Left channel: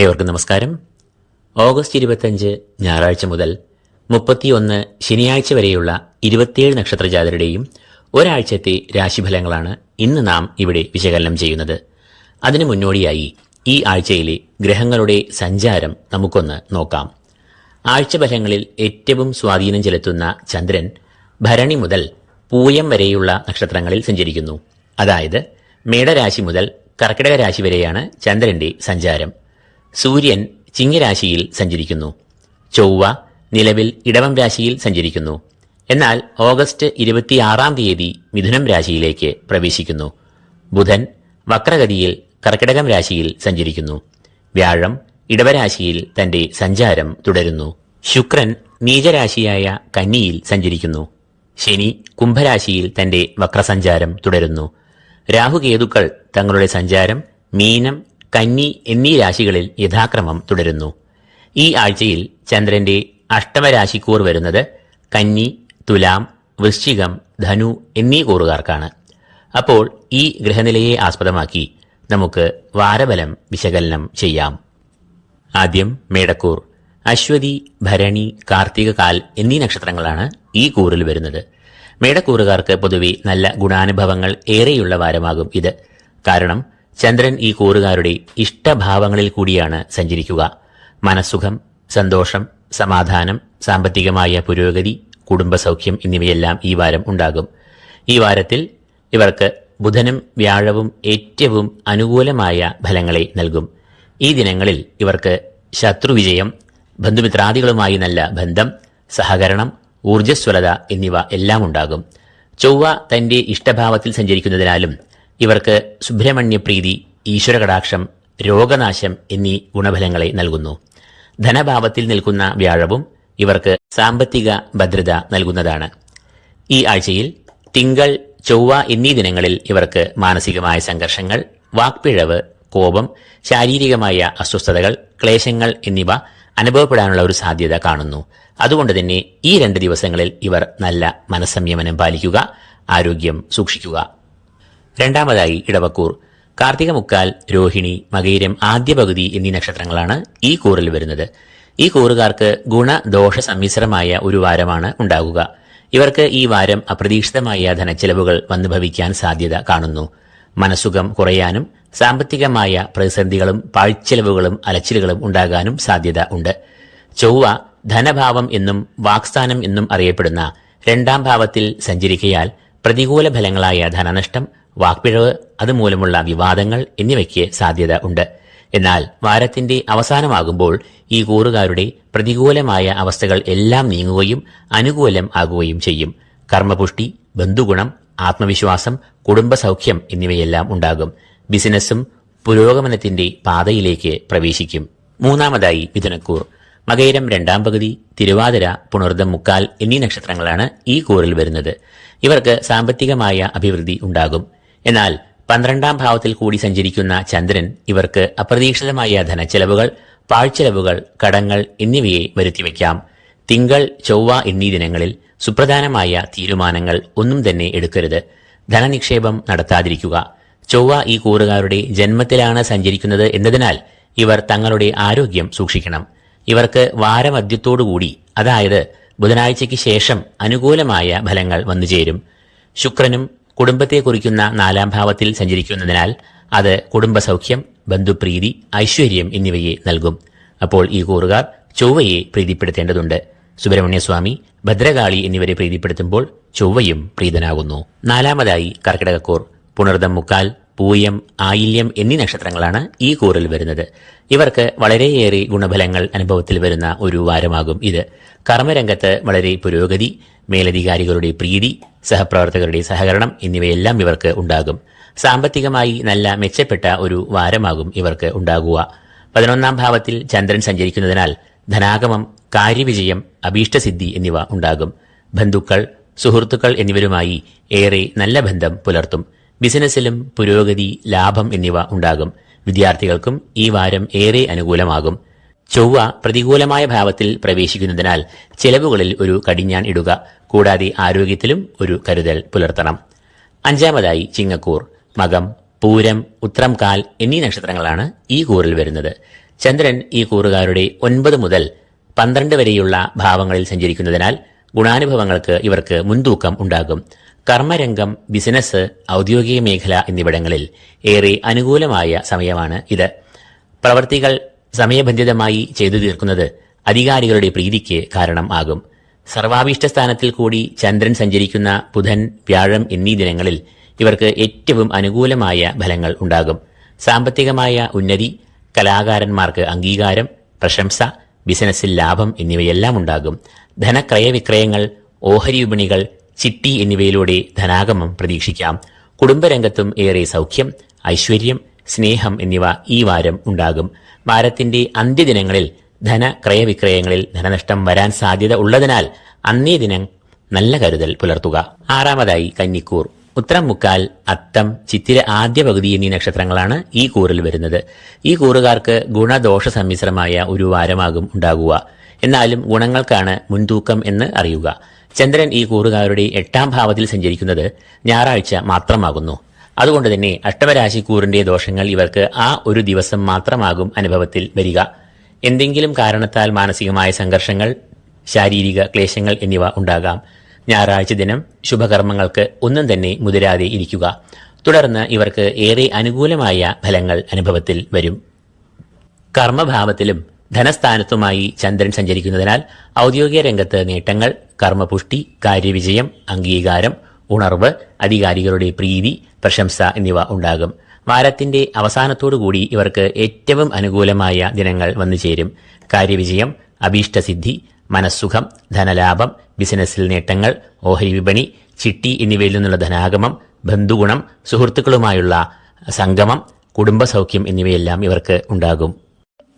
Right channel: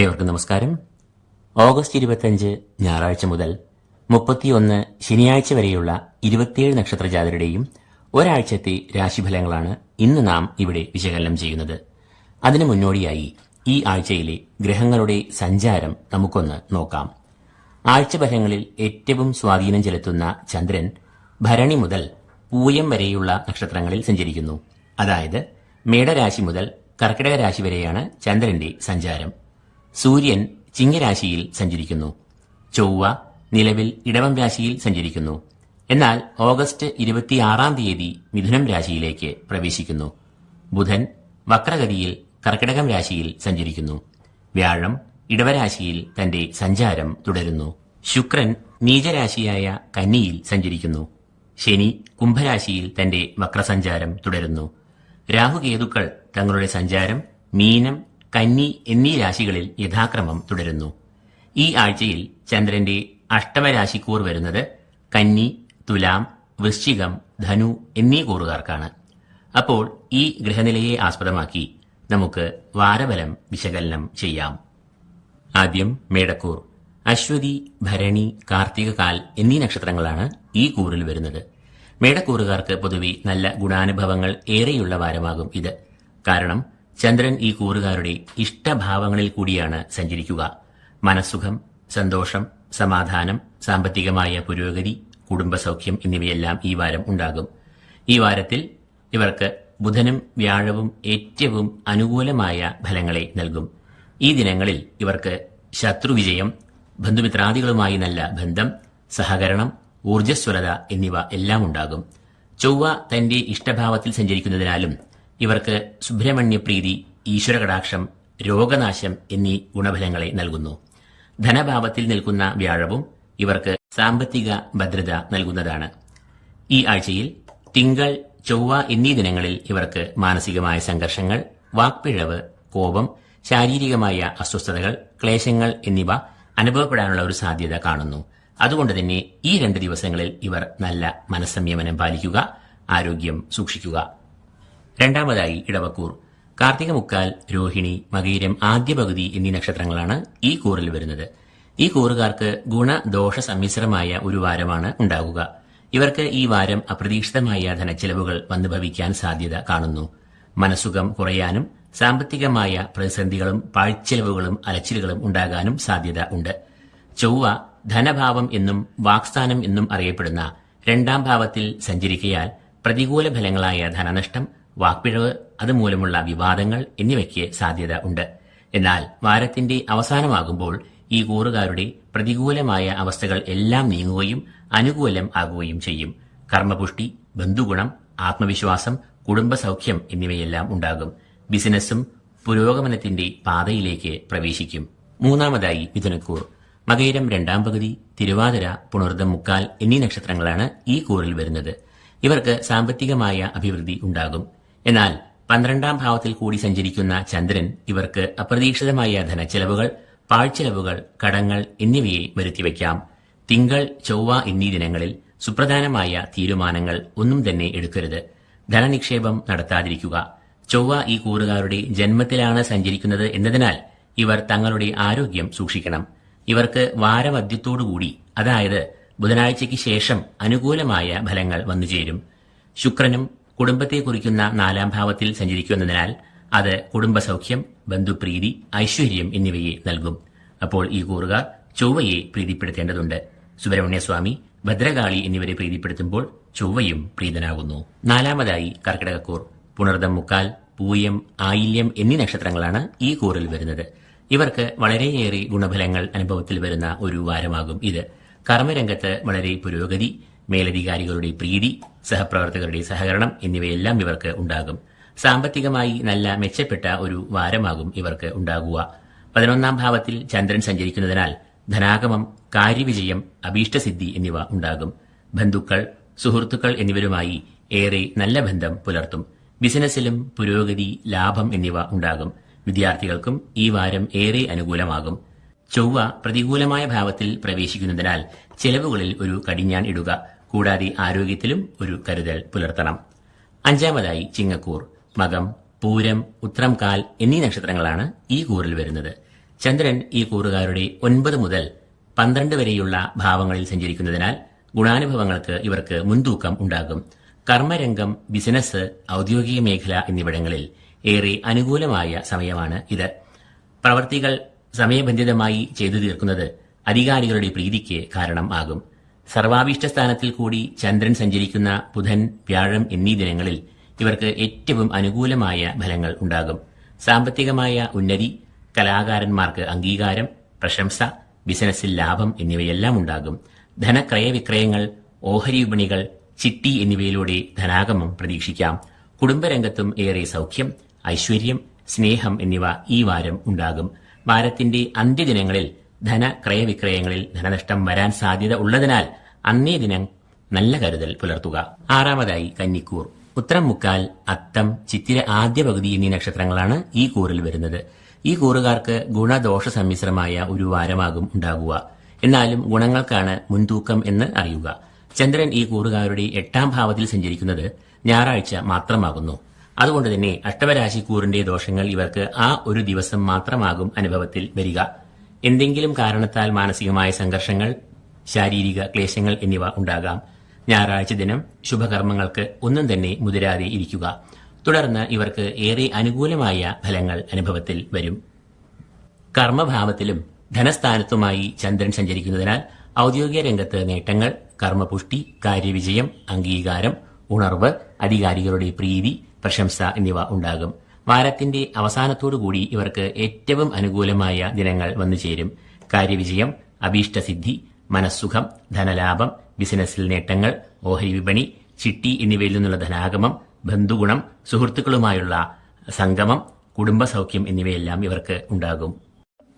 ഏവർക്കും നമസ്കാരം. ഓഗസ്റ്റ് 25 ഞായറാഴ്ച മുതൽ 31 ശനിയാഴ്ച വരെയുള്ള 27 നക്ഷത്രജാതരുടെയും ഒരാഴ്ചത്തെ രാശിഫലങ്ങളാണ് ഇന്ന് നാം ഇവിടെ വിശകലനം ചെയ്യുന്നത്. അതിനു മുന്നോടിയായി ഈ ആഴ്ചയിലെ ഗ്രഹങ്ങളുടെ സഞ്ചാരം നമുക്കൊന്ന് നോക്കാം. ആഴ്ചഫലങ്ങളിൽ ഏറ്റവും സ്വാധീനം ചെലുത്തുന്ന ചന്ദ്രൻ ഭരണി മുതൽ പൂയം വരെയുള്ള നക്ഷത്രങ്ങളിൽ സഞ്ചരിക്കുന്നു. അതായത് മേടരാശി മുതൽ കർക്കിടക രാശി വരെയാണ് ചന്ദ്രന്റെ സഞ്ചാരം. സൂര്യൻ ചിങ്ങരാശിയിൽ സഞ്ചരിക്കുന്നു. ചൊവ്വ നിലവിൽ ഇടവം രാശിയിൽ സഞ്ചരിക്കുന്നു. എന്നാൽ ഓഗസ്റ്റ് 26 തീയതി മിഥുനം രാശിയിലേക്ക് പ്രവേശിക്കുന്നു. ബുധൻ വക്രഗതിയിൽ കർക്കിടകം രാശിയിൽ സഞ്ചരിക്കുന്നു. വ്യാഴം ഇടവരാശിയിൽ തന്റെ സഞ്ചാരം തുടരുന്നു. ശുക്രൻ നീചരാശിയായ കന്നിയിൽ സഞ്ചരിക്കുന്നു. ശനി കുംഭരാശിയിൽ തന്റെ വക്രസഞ്ചാരം തുടരുന്നു. രാഹുകേതുക്കൾ തങ്ങളുടെ സഞ്ചാരം മീനം, കന്നി എന്നീ രാശികളിൽ യഥാക്രമം തുടരുന്നു. ഈ ആഴ്ചയിൽ ചന്ദ്രന്റെ അഷ്ടമരാശിക്കൂർ വരുന്നത് കന്നി, തുലാം, വൃശ്ചികം, ധനു എന്നീ കൂറുകാർക്കാണ്. അപ്പോൾ ഈ ഗ്രഹനിലയെ ആസ്പദമാക്കി നമുക്ക് വാരഫലം വിശകലനം ചെയ്യാം. ആദ്യം മേടക്കൂർ. അശ്വതി, ഭരണി, കാർത്തിക കാൽ എന്നീ നക്ഷത്രങ്ങളാണ് ഈ കൂറിൽ വരുന്നത്. മേടക്കൂറുകാർക്ക് പൊതുവെ നല്ല ഗുണാനുഭവങ്ങൾ ഏറെയുള്ള വാരമാകും ഇത്. കാരണം ചന്ദ്രൻ ഈ കൂറുകാരുടെ ഇഷ്ടഭാവങ്ങളിൽ കൂടിയാണ് സഞ്ചരിക്കുക. മനസ്സുഖം, സന്തോഷം, സമാധാനം, സാമ്പത്തികമായ പുരോഗതി, കുടുംബസൗഖ്യം എന്നിവയെല്ലാം ഈ വാരം ഉണ്ടാകും. ഈ വാരത്തിൽ ഇവർക്ക് ബുധനും വ്യാഴവും ഏറ്റവും അനുകൂലമായ ഫലങ്ങളെ നൽകും. ഈ ദിനങ്ങളിൽ ഇവർക്ക് ശത്രുവിജയം, ബന്ധുമിത്രാദികളുമായി നല്ല ബന്ധം, സഹകരണം, ഊർജ്ജസ്വലത എന്നിവ എല്ലാം ഉണ്ടാകും. ചൊവ്വ തന്റെ ഇഷ്ടഭാവത്തിൽ സഞ്ചരിക്കുന്നതിനാലും ഇവർക്ക് സുബ്രഹ്മണ്യപ്രീതി, ഈശ്വരകടാക്ഷം, രോഗനാശം എന്നീ ഗുണഫലങ്ങളെ നൽകുന്നു. ധനഭാവത്തിൽ നിൽക്കുന്ന വ്യാഴവും ഇവർക്ക് സാമ്പത്തിക ഭദ്രത നൽകുന്നതാണ്. ഈ ആഴ്ചയിൽ തിങ്കൾ, ചൊവ്വ എന്നീ ദിനങ്ങളിൽ ഇവർക്ക് മാനസികമായ സംഘർഷങ്ങൾ, വാക്പിഴവ്, കോപം, ശാരീരികമായ അസ്വസ്ഥതകൾ, ക്ലേശങ്ങൾ എന്നിവ അനുഭവപ്പെടാനുള്ള ഒരു സാധ്യത കാണുന്നു. അതുകൊണ്ട് തന്നെ ഈ 2 ദിവസങ്ങളിൽ ഇവർ നല്ല മനസ്സംയമനം പാലിക്കുക, ആരോഗ്യം സൂക്ഷിക്കുക. രണ്ടാമതായി ഇടവക്കൂർ. കാർത്തിക മുക്കാൽ, രോഹിണി, മകയിരം ആദ്യ പകുതി എന്നീ നക്ഷത്രങ്ങളാണ് ഈ കൂറിൽ വരുന്നത്. ഈ കൂറുകാർക്ക് ഗുണദോഷ സമ്മിശ്രമായ ഒരു വാരമാണ് ഉണ്ടാകുക. ഇവർക്ക് ഈ വാരം അപ്രതീക്ഷിതമായ ധനച്ചെലവുകൾ വന്നു ഭവിക്കാൻ സാധ്യത കാണുന്നു. മനസ്സുഖം കുറയാനും സാമ്പത്തികമായ പ്രതിസന്ധികളും പാഴ്ചെലവുകളും അലച്ചിലുകളും ഉണ്ടാകാനും സാധ്യത ഉണ്ട്. ചൊവ്വ ധനഭാവം എന്നും വാക്സ്ഥാനം എന്നും അറിയപ്പെടുന്ന 2ാം ഭാവത്തിൽ സഞ്ചരിക്കയാൽ പ്രതികൂല ഫലങ്ങളായ ധനനഷ്ടം, വാക്പിഴവ്, അതുമൂലമുള്ള വിവാദങ്ങൾ എന്നിവയ്ക്ക് സാധ്യത ഉണ്ട്. എന്നാൽ വാരത്തിന്റെ അവസാനമാകുമ്പോൾ ഈ കൂറുകാരുടെ പ്രതികൂലമായ അവസ്ഥകൾ എല്ലാം നീങ്ങുകയും അനുകൂലം ആകുകയും ചെയ്യും. കർമ്മപുഷ്ടി, ബന്ധുഗുണം, ആത്മവിശ്വാസം, കുടുംബസൗഖ്യം എന്നിവയെല്ലാം ഉണ്ടാകും. ബിസിനസ്സും പുരോഗമനത്തിന്റെ പാതയിലേക്ക് പ്രവേശിക്കും. മൂന്നാമതായി മിഥുനക്കൂർ. മകയിരം 2ാം പകുതി, തിരുവാതിര, പുണർദം മുക്കാൽ എന്നീ നക്ഷത്രങ്ങളാണ് ഈ കൂറിൽ വരുന്നത്. ഇവർക്ക് സാമ്പത്തികമായ അഭിവൃദ്ധി ഉണ്ടാകും. എന്നാൽ 12ാം ഭാവത്തിൽ കൂടി സഞ്ചരിക്കുന്ന ചന്ദ്രൻ ഇവർക്ക് അപ്രതീക്ഷിതമായ ധനച്ചെലവുകൾ, പാഴ്ചെലവുകൾ, കടങ്ങൾ എന്നിവയെ വരുത്തിവെക്കാം. തിങ്കൾ, ചൊവ്വ എന്നീ ദിനങ്ങളിൽ സുപ്രധാനമായ തീരുമാനങ്ങൾ ഒന്നും തന്നെ എടുക്കരുത്. ധനനിക്ഷേപം നടത്താതിരിക്കുക. ചൊവ്വ ഈ കൂറുകാരുടെ ജന്മത്തിലാണ് സഞ്ചരിക്കുന്നത് എന്നതിനാൽ ഇവർ തങ്ങളുടെ ആരോഗ്യം സൂക്ഷിക്കണം. ഇവർക്ക് വാരമധ്യത്തോടുകൂടി, അതായത് ബുധനാഴ്ചയ്ക്ക് ശേഷം അനുകൂലമായ ഫലങ്ങൾ വന്നുചേരും. ശുക്രനും കുടുംബത്തെ കുറിക്കുന്ന 4ാം ഭാവത്തിൽ സഞ്ചരിക്കുന്നതിനാൽ അത് കുടുംബസൗഖ്യം, ബന്ധുപ്രീതി, ഐശ്വര്യം എന്നിവയെ നൽകും. അപ്പോൾ ഈ കൂറുകാർ ചൊവ്വയെ പ്രീതിപ്പെടുത്തേണ്ടതുണ്ട്. സുബ്രഹ്മണ്യസ്വാമി, ഭദ്രകാളി എന്നിവരെ പ്രീതിപ്പെടുത്തുമ്പോൾ ചൊവ്വയും പ്രീതനാകുന്നു. നാലാമതായി കർക്കിടകക്കൂർ. പുണർദം മുക്കാൽ, പൂയം, ആയില്യം എന്നീ നക്ഷത്രങ്ങളാണ് ഈ കൂറിൽ വരുന്നത്. ഇവർക്ക് വളരെയേറെ ഗുണഫലങ്ങൾ അനുഭവത്തിൽ വരുന്ന ഒരു വാരമാകും ഇത്. കർമ്മരംഗത്ത് വളരെ പുരോഗതി, മേലധികാരികളുടെ പ്രീതി, സഹപ്രവർത്തകരുടെ സഹകരണം എന്നിവയെല്ലാം ഇവർക്ക് ഉണ്ടാകും. സാമ്പത്തികമായി നല്ല മെച്ചപ്പെട്ട ഒരു വാരമാകും ഇവർക്ക് ഉണ്ടാകുക. 11ാം ഭാവത്തിൽ ചന്ദ്രൻ സഞ്ചരിക്കുന്നതിനാൽ ധനാഗമം, കാര്യവിജയം, അഭീഷ്ടസിദ്ധി എന്നിവ ഉണ്ടാകും. ബന്ധുക്കൾ, സുഹൃത്തുക്കൾ എന്നിവരുമായി ഏറെ നല്ല ബന്ധം പുലർത്തും. ബിസിനസ്സിലും പുരോഗതി, ലാഭം എന്നിവ ഉണ്ടാകും. വിദ്യാർത്ഥികൾക്കും ഈ വാരം ഏറെ അനുകൂലമാകും. ചൊവ്വ പ്രതികൂലമായ ഭാവത്തിൽ പ്രവേശിക്കുന്നതിനാൽ ചെലവുകളിൽ ഒരു കടിഞ്ഞാൺ ഇടുക. കൂടാതെ ആരോഗ്യത്തിലും ഒരു കരുതൽ പുലർത്തണം. അഞ്ചാമതായി ചിങ്ങക്കൂർ. മകം, പൂരം, ഉത്രം കാൽ എന്നീ നക്ഷത്രങ്ങളാണ് ഈ കൂറിൽ വരുന്നത്. ചന്ദ്രൻ ഈ കൂറുകാരുടെ 9 മുതൽ 12 വരെയുള്ള ഭാവങ്ങളിൽ സഞ്ചരിക്കുന്നതിനാൽ ഗുണാനുഭവങ്ങൾക്ക് ഇവർക്ക് മുൻതൂക്കം ഉണ്ടാകും. കർമ്മരംഗം, ബിസിനസ്, ഔദ്യോഗിക മേഖല എന്നിവിടങ്ങളിൽ ഏറെ അനുകൂലമായ സമയമാണ് ഇത്. പ്രവർത്തികൾ സമയബന്ധിതമായി ചെയ്തു തീർക്കുന്നത് അധികാരികളുടെ പ്രീതിക്ക് കാരണം ആകും. സർവാഭീഷ്ട സ്ഥാനത്തിൽ കൂടി ചന്ദ്രൻ സഞ്ചരിക്കുന്ന ബുധൻ, വ്യാഴം എന്നീ ദിനങ്ങളിൽ ഇവർക്ക് ഏറ്റവും അനുകൂലമായ ഫലങ്ങൾ ഉണ്ടാകും. സാമ്പത്തികമായ ഉന്നതി, കലാകാരന്മാർക്ക് അംഗീകാരം, പ്രശംസ, ബിസിനസ്സിൽ ലാഭം എന്നിവയെല്ലാം ഉണ്ടാകും. ധനക്രയവിക്രയങ്ങൾ, ഓഹരി വിപണികൾ, ചിട്ടി എന്നിവയിലൂടെ ധനാഗമം പ്രതീക്ഷിക്കാം. കുടുംബരംഗത്തും ഏറെ സൗഖ്യം, ഐശ്വര്യം, സ്നേഹം എന്നിവ ഈ വാരം ഉണ്ടാകും. വാരത്തിന്റെ അന്ത്യദിനങ്ങളിൽ ധനക്രയവിക്രയങ്ങളിൽ ധനനഷ്ടം വരാൻ സാധ്യത ഉള്ളതിനാൽ അന്നേ ദിനം നല്ല കരുതൽ പുലർത്തുക. 6-മതായി കന്നിക്കൂർ. ഉത്രം, മുക്കാൽ, അത്തം, ചിത്തിര ആദ്യ പകുതി എന്നീ നക്ഷത്രങ്ങളാണ് ഈ കൂറിൽ വരുന്നത്. ഈ കൂറുകാർക്ക് ഗുണദോഷ സമ്മിശ്രമായ ഒരു വാരമാകും ഉണ്ടാകുക. എന്നാലും ഗുണങ്ങൾക്കാണ് മുൻതൂക്കം എന്ന് അറിയുക. ചന്ദ്രൻ ഈ കൂറുകാരുടെ 8-ാം ഭാവത്തിൽ സഞ്ചരിക്കുന്നത് ഞായറാഴ്ച മാത്രമാകുന്നു. അതുകൊണ്ട് തന്നെ അഷ്ടമരാശിക്കൂറിന്റെ ദോഷങ്ങൾ ഇവർക്ക് ആ ഒരു ദിവസം മാത്രമാകും അനുഭവത്തിൽ വരിക. എന്തെങ്കിലും കാരണത്താൽ മാനസികമായ സംഘർഷങ്ങൾ, ശാരീരിക ക്ലേശങ്ങൾ എന്നിവ ഉണ്ടാകാം. ഞായറാഴ്ച ദിനം ശുഭകർമ്മങ്ങൾക്ക് ഒന്നും തന്നെ മുതിരാതെ ഇരിക്കുക. തുടർന്ന് ഇവർക്ക് ഏറെ അനുകൂലമായ ഫലങ്ങൾ അനുഭവത്തിൽ വരും. കർമ്മഭാവത്തിലും ധനസ്ഥാനത്തുമായി ചന്ദ്രൻ സഞ്ചരിക്കുന്നതിനാൽ ഔദ്യോഗിക രംഗത്ത് നേട്ടങ്ങൾ, കർമ്മപുഷ്ടി, കാര്യവിജയം, അംഗീകാരം, ഉണർവ്, അധികാരികളുടെ പ്രീതി, പ്രശംസ എന്നിവ ഉണ്ടാകും. വാരത്തിന്റെ അവസാനത്തോടുകൂടി ഇവർക്ക് ഏറ്റവും അനുകൂലമായ ദിനങ്ങൾ വന്നുചേരും. കാര്യവിജയം, അഭീഷ്ടസിദ്ധി, മനസ്സുഖം, ധനലാഭം, ബിസിനസ്സിൽ നേട്ടങ്ങൾ, ഓഹരി വിപണി, ചിട്ടി എന്നിവയിൽ നിന്നുള്ള ധനാഗമം, ബന്ധുഗുണം, സുഹൃത്തുക്കളുമായുള്ള സംഗമം, കുടുംബസൗഖ്യം എന്നിവയെല്ലാം ഇവർക്ക് ഉണ്ടാകും.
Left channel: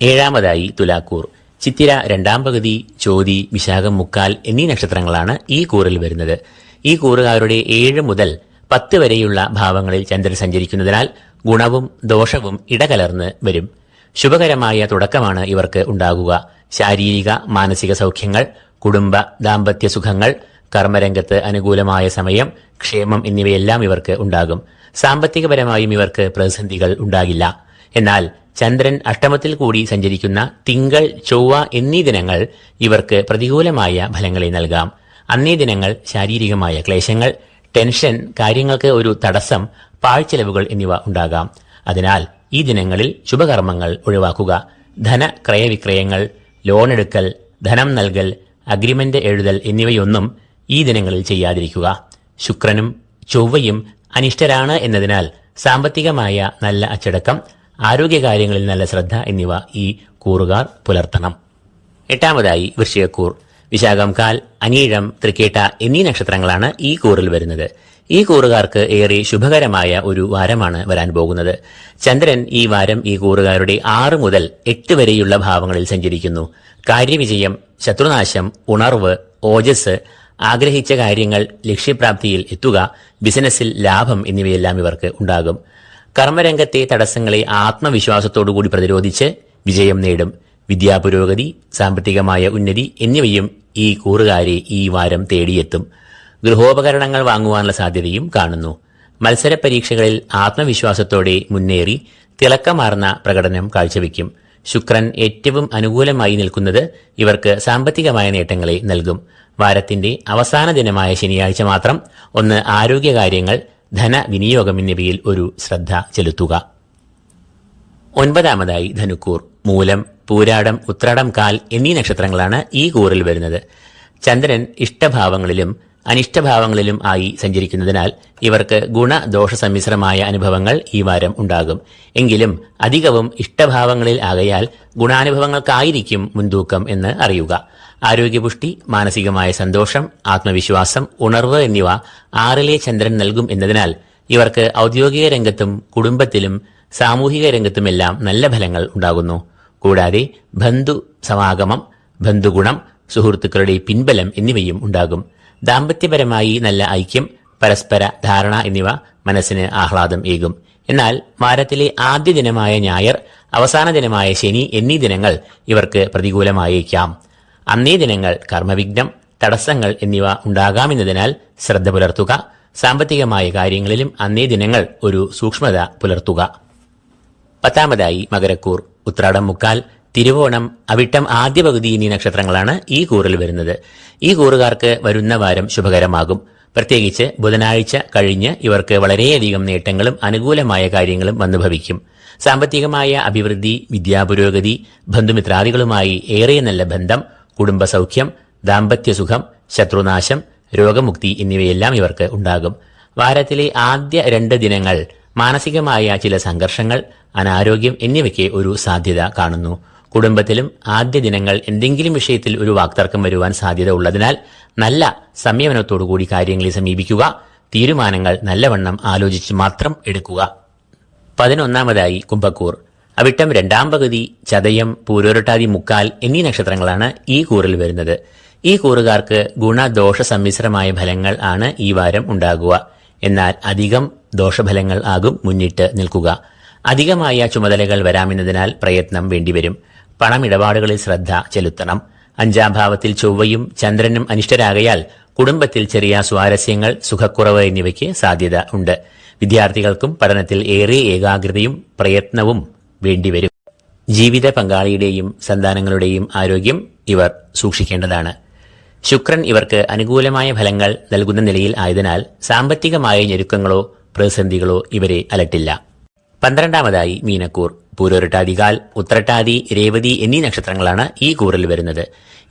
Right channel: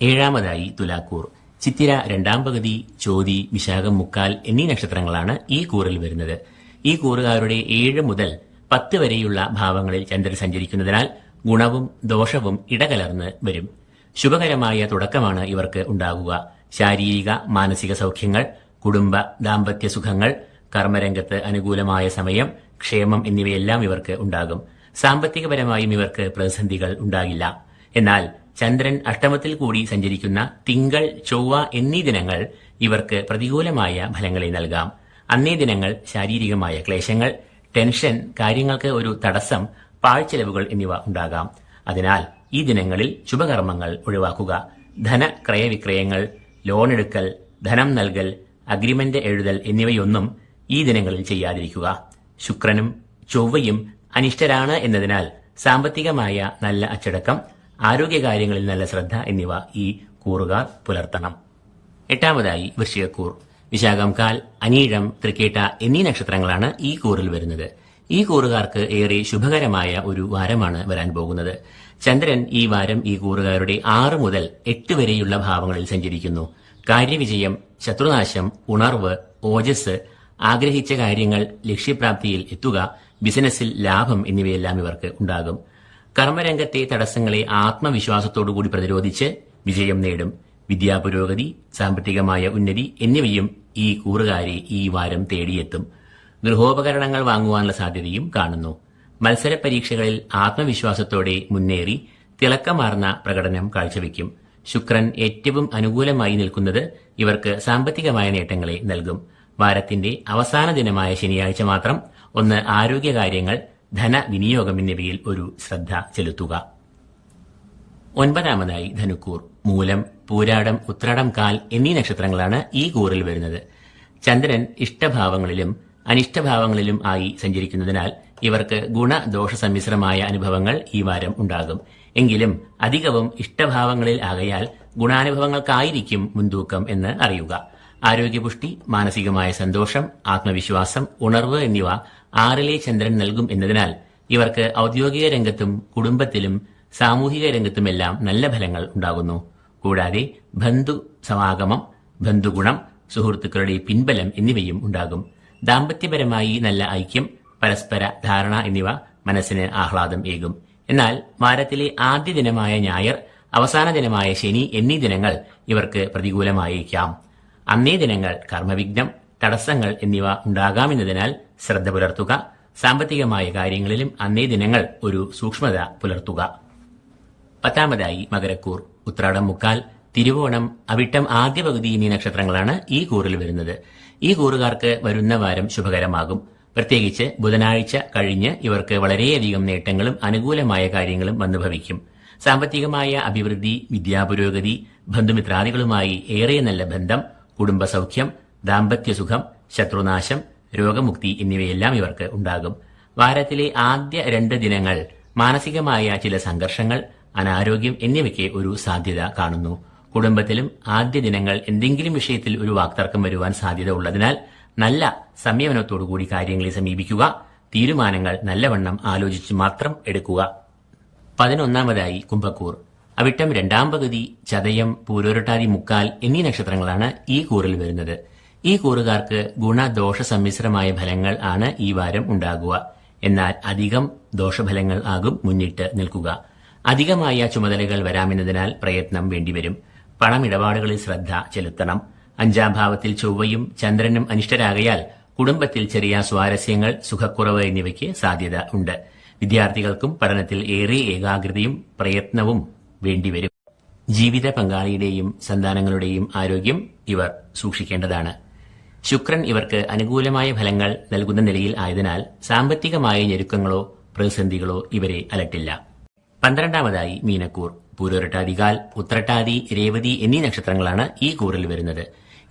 7-മതായി തുലാക്കൂർ. ചിത്തിര 2-ാം പകുതി, ചോതി, വിശാഖം, മുക്കാൽ എന്നീ നക്ഷത്രങ്ങളാണ് ഈ കൂറിൽ വരുന്നത്. ഈ കൂറുകാരുടെ 7 മുതൽ 10 വരെയുള്ള ഭാവങ്ങളിൽ ചന്ദ്രൻ സഞ്ചരിക്കുന്നതിനാൽ ഗുണവും ദോഷവും ഇടകലർന്ന് വരും. ശുഭകരമായ തുടക്കമാണ് ഇവർക്ക് ഉണ്ടാകുക. ശാരീരിക മാനസിക സൗഖ്യങ്ങൾ, കുടുംബ ദാമ്പത്യ സുഖങ്ങൾ, കർമ്മരംഗത്ത് അനുകൂലമായ സമയം, ക്ഷേമം എന്നിവയെല്ലാം ഇവർക്ക് ഉണ്ടാകും. സാമ്പത്തികപരമായും ഇവർക്ക് പ്രതിസന്ധികൾ ഉണ്ടാകില്ല. എന്നാൽ ചന്ദ്രൻ അഷ്ടമത്തിൽ കൂടി സഞ്ചരിക്കുന്ന തിങ്കൾ, ചൊവ്വ എന്നീ ദിനങ്ങൾ ഇവർക്ക് പ്രതികൂലമായ ഫലങ്ങളെ നൽകാം. അന്നേ ദിനങ്ങൾ ശാരീരികമായ ക്ലേശങ്ങൾ, ടെൻഷൻ, കാര്യങ്ങൾക്ക് ഒരു തടസ്സം, പാഴ്ചെലവുകൾ എന്നിവ ഉണ്ടാകാം. അതിനാൽ ഈ ദിനങ്ങളിൽ ശുഭകർമ്മങ്ങൾ ഒഴിവാക്കുക. ധനക്രയവിക്രയങ്ങൾ, ലോണെടുക്കൽ, ധനം നൽകൽ, അഗ്രിമെന്റ് എഴുതൽ എന്നിവയൊന്നും ഈ ദിനങ്ങളിൽ ചെയ്യാതിരിക്കുക. ശുക്രനും ചൊവ്വയും അനിഷ്ടരാണ് എന്നതിനാൽ സാമ്പത്തികമായ നല്ല അച്ചടക്കം, ആരോഗ്യകാര്യങ്ങളിൽ നല്ല ശ്രദ്ധ എന്നിവ ഈ കൂറുകാർ പുലർത്തണം. 8-മതായി വൃശ്ചികക്കൂർ. വിശാഖം, കാൽ, അനീഴം, തൃക്കേട്ട എന്നീ നക്ഷത്രങ്ങളാണ് ഈ കൂറിൽ വരുന്നത്. ഈ കൂറുകാർക്ക് ഏറെ ശുഭകരമായ ഒരു വാരമാണ് വരാൻ പോകുന്നത്. ചന്ദ്രൻ ഈ വാരം ഈ കൂറുകാരുടെ 6 മുതൽ 8 വരെയുള്ള ഭാവങ്ങളിൽ സഞ്ചരിക്കുന്നു. കാര്യവിജയം, ശത്രുനാശം, ഉണർവ്, ഓജസ്, ആഗ്രഹിച്ച കാര്യങ്ങൾ ലക്ഷ്യപ്രാപ്തിയിൽ എത്തുക, ബിസിനസ്സിൽ ലാഭം എന്നിവയെല്ലാം ഇവർക്ക് ഉണ്ടാകും. കർമ്മരംഗത്തെ തടസ്സങ്ങളെ ആത്മവിശ്വാസത്തോടുകൂടി പ്രതിരോധിച്ച് വിജയം നേടും. വിദ്യാപുരോഗതി, സാമ്പത്തികമായ ഉന്നതി എന്നിവയും ഈ കൂറുകാരെ ഈ വാരം തേടിയെത്തും. ഗൃഹോപകരണങ്ങൾ വാങ്ങുവാനുള്ള സാധ്യതയും കാണുന്നു. മത്സര പരീക്ഷകളിൽ ആത്മവിശ്വാസത്തോടെ മുന്നേറി തിളക്കമാർന്ന പ്രകടനം കാഴ്ചവെക്കും. ശുക്രൻ ഏറ്റവും അനുകൂലമായി നിൽക്കുന്നത് ഇവർക്ക് സാമ്പത്തികമായ നേട്ടങ്ങളെ നൽകും. വാരത്തിന്റെ അവസാന ദിനമായ ശനിയാഴ്ച മാത്രം ഒന്ന് ആരോഗ്യകാര്യങ്ങൾ, ധനവിനിയോഗം എന്നിവയിൽ ഒരു ശ്രദ്ധ ചെലുത്തുക. 9-മതായി ധനുക്കൂർ. മൂലം, പൂരാടം, ഉത്രാടം, കാൽ എന്നീ നക്ഷത്രങ്ങളാണ് ഈ കൂറിൽ വരുന്നത്. ചന്ദ്രൻ ഇഷ്ടഭാവങ്ങളിലും അനിഷ്ടഭാവങ്ങളിലും ആയി സഞ്ചരിക്കുന്നതിനാൽ ഇവർക്ക് ഗുണദോഷ സമ്മിശ്രമായ അനുഭവങ്ങൾ ഈ വാരം ഉണ്ടാകും. എങ്കിലും അധികവും ഇഷ്ടഭാവങ്ങളിൽ ആകയാൽ ഗുണാനുഭവങ്ങൾക്കായിരിക്കും മുൻതൂക്കം എന്ന് അറിയുക. ആരോഗ്യപുഷ്ടി, മാനസികമായ സന്തോഷം, ആത്മവിശ്വാസം, ഉണർവ് എന്നിവ 6-ലെ ചന്ദ്രൻ നൽകും എന്നതിനാൽ ഇവർക്ക് ഔദ്യോഗിക രംഗത്തും കുടുംബത്തിലും സാമൂഹിക രംഗത്തുമെല്ലാം നല്ല ഫലങ്ങൾ ഉണ്ടാകുന്നു. കൂടാതെ ബന്ധു സമാഗമം, ബന്ധുഗുണം, സുഹൃത്തുക്കളുടെ പിൻബലം എന്നിവയും ഉണ്ടാകും. ദാമ്പത്യപരമായി നല്ല ഐക്യം, പരസ്പര ധാരണ എന്നിവ മനസ്സിന് ആഹ്ലാദം ഏകും. എന്നാൽ വാരത്തിലെ ആദ്യ ദിനമായ ഞായർ, അവസാന ദിനമായ ശനി എന്നീ ദിനങ്ങൾ ഇവർക്ക് പ്രതികൂലമായേക്കാം. അന്നേ ദിനങ്ങൾ കർമ്മവിഘ്നം, തടസ്സങ്ങൾ എന്നിവ ഉണ്ടാകാമെന്നതിനാൽ ശ്രദ്ധ പുലർത്തുക. സാമ്പത്തികമായ കാര്യങ്ങളിലും അന്നേ ദിനങ്ങൾ ഒരു സൂക്ഷ്മത പുലർത്തുക. 10-മതായി മകരക്കൂർ. ഉത്രാടം മുക്കാൽ, തിരുവോണം, അവിട്ടം ആദ്യ പകുതി എന്നീ നക്ഷത്രങ്ങളാണ് ഈ കൂറിൽ വരുന്നത്. ഈ കൂറുകാർക്ക് വരുന്ന വാരം ശുഭകരമാകും. പ്രത്യേകിച്ച് ബുധനാഴ്ച കഴിഞ്ഞ് ഇവർക്ക് വളരെയധികം നേട്ടങ്ങളും അനുകൂലമായ കാര്യങ്ങളും വന്നു ഭവിക്കും. സാമ്പത്തികമായ അഭിവൃദ്ധി, വിദ്യാപുരോഗതി, ബന്ധുമിത്രാദികളുമായി ഏറെ നല്ല ബന്ധം, കുടുംബസൗഖ്യം, ദാമ്പത്യസുഖം, ശത്രുനാശം, രോഗമുക്തി എന്നിവയെല്ലാം ഇവർക്ക് ഉണ്ടാകും. വാരത്തിലെ ആദ്യ 2 ദിനങ്ങൾ മാനസികമായ ചില സംഘർഷങ്ങൾ, അനാരോഗ്യം എന്നിവയ്ക്ക് ഒരു സാധ്യത കാണുന്നു. കുടുംബത്തിലും ആദ്യ ദിനങ്ങൾ എന്തെങ്കിലും വിഷയത്തിൽ ഒരു വാക്തർക്കം വരുവാൻ സാധ്യത ഉള്ളതിനാൽ നല്ല സംയമനത്തോടുകൂടി കാര്യങ്ങളെ സമീപിക്കുക. തീരുമാനങ്ങൾ നല്ലവണ്ണം ആലോചിച്ച് മാത്രം എടുക്കുക. 11-ാമതായി കുംഭക്കൂർ. അവിട്ടം 2-ാം പകുതി, ചതയം, പൂരോരട്ടാതി മുക്കാൽ എന്നീ നക്ഷത്രങ്ങളാണ് ഈ കൂറിൽ വരുന്നത്. ഈ കൂറുകാർക്ക് ഗുണദോഷ സമ്മിശ്രമായ ഫലങ്ങൾ ആണ് ഈ വാരം ഉണ്ടാകുക. എന്നാൽ അധികം ദോഷഫലങ്ങൾ ആകും മുന്നിട്ട് നിൽക്കുക. അധികമായ ചുമതലകൾ വരാമെന്നതിനാൽ പ്രയത്നം വേണ്ടിവരും. പണമിടപാടുകളിൽ ശ്രദ്ധ ചെലുത്തണം. 5-ാം ഭാവത്തിൽ ചൊവ്വയും ചന്ദ്രനും അനിഷ്ടരാകയാൽ കുടുംബത്തിൽ ചെറിയ സ്വാരസ്യങ്ങൾ, സുഖക്കുറവ് എന്നിവയ്ക്ക് സാധ്യത ഉണ്ട്. വിദ്യാർത്ഥികൾക്കും പഠനത്തിൽ ഏറെ ഏകാഗ്രതയും പ്രയത്നവും വേണ്ടിവരും. ജീവിത പങ്കാളിയുടെയും സന്താനങ്ങളുടെയും ആരോഗ്യം ഇവർ സൂക്ഷിക്കേണ്ടതാണ്. ശുക്രൻ ഇവർക്ക് അനുകൂലമായ ഫലങ്ങൾ നൽകുന്ന നിലയിൽ ആയതിനാൽ സാമ്പത്തികമായ ഞെരുക്കങ്ങളോ പ്രതിസന്ധികളോ ഇവരെ അലട്ടില്ല. 12-ാമതായി മീനക്കൂർ. പൂരോരട്ടാതികാൽ, ഉത്രട്ടാതി, രേവതി എന്നീ നക്ഷത്രങ്ങളാണ് ഈ കൂറിൽ വരുന്നത്.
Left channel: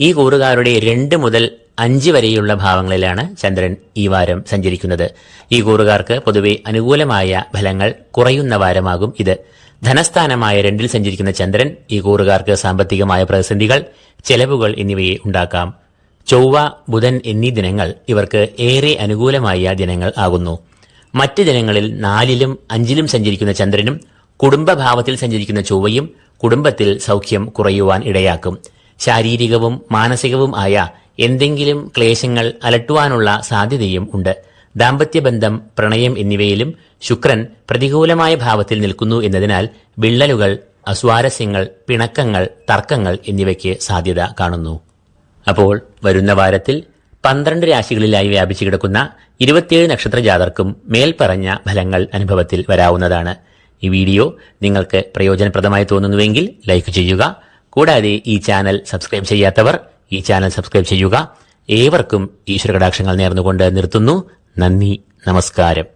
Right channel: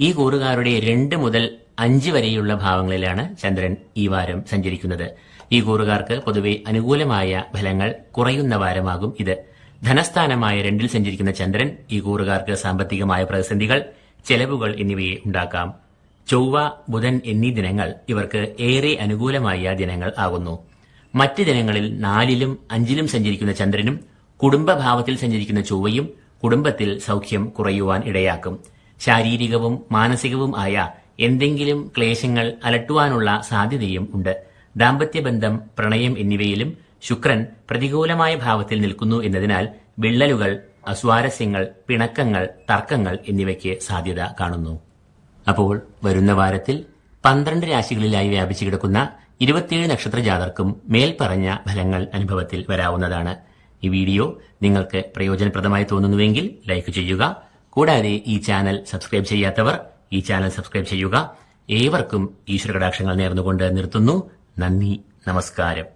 ഈ കൂറുകാരുടെ 2 മുതൽ 5 വരെയുള്ള ഭാവങ്ങളിലാണ് ചന്ദ്രൻ ഈ വാരം സഞ്ചരിക്കുന്നത്. ഈ കൂറുകാർക്ക് പൊതുവെ അനുകൂലമായ ഫലങ്ങൾ കുറയുന്ന വാരമാകും ഇത്. ധനസ്ഥാനമായ 2-ൽ സഞ്ചരിക്കുന്ന ചന്ദ്രൻ ഈ കൂറുകാർക്ക് സാമ്പത്തികമായ പ്രതിസന്ധികൾ, ചെലവുകൾ എന്നിവയെ ഉണ്ടാക്കാം. ചൊവ്വ, ബുധൻ എന്നീ ദിനങ്ങൾ ഇവർക്ക് ഏറെ അനുകൂലമായ ദിനങ്ങൾ ആകുന്നു. മറ്റ് ദിനങ്ങളിൽ 4-ലും 5-ലും സഞ്ചരിക്കുന്ന ചന്ദ്രനും കുടുംബഭാവത്തിൽ സഞ്ചരിക്കുന്ന ചൊവ്വയും കുടുംബത്തിൽ സൗഖ്യം കുറയുവാൻ ഇടയാക്കും. ശാരീരികവും മാനസികവും ആയ എന്തെങ്കിലും ക്ലേശങ്ങൾ അലട്ടുവാനുള്ള സാധ്യതയും ഉണ്ട്. ദാമ്പത്യബന്ധം, പ്രണയം എന്നിവയിലും ശുക്രൻ പ്രതികൂലമായ ഭാവത്തിൽ നിൽക്കുന്നു എന്നതിനാൽ വിള്ളലുകൾ, അസ്വാരസ്യങ്ങൾ, പിണക്കങ്ങൾ, തർക്കങ്ങൾ എന്നിവയ്ക്ക് സാധ്യത കാണുന്നു. അപ്പോൾ വരുന്ന വാരത്തിൽ 12 രാശികളിലായി വ്യാപിച്ചു കിടക്കുന്ന 27 നക്ഷത്ര ജാതർക്കും മേൽപ്പറഞ്ഞ ഫലങ്ങൾ അനുഭവത്തിൽ വരാവുന്നതാണ്. ഈ വീഡിയോ നിങ്ങൾക്ക് പ്രയോജനപ്രദമായി തോന്നുന്നുവെങ്കിൽ ലൈക്ക് ചെയ്യുക. കൂടാതെ ഈ ചാനൽ സബ്സ്ക്രൈബ് ചെയ്യാത്തവർ ഈ ചാനൽ സബ്സ്ക്രൈബ് ചെയ്യുക. ഏവർക്കും ഈശ്വര കടാക്ഷങ്ങൾ നേർന്നുകൊണ്ട് നിർത്തുന്നു. നന്ദി, നമസ്കാരം.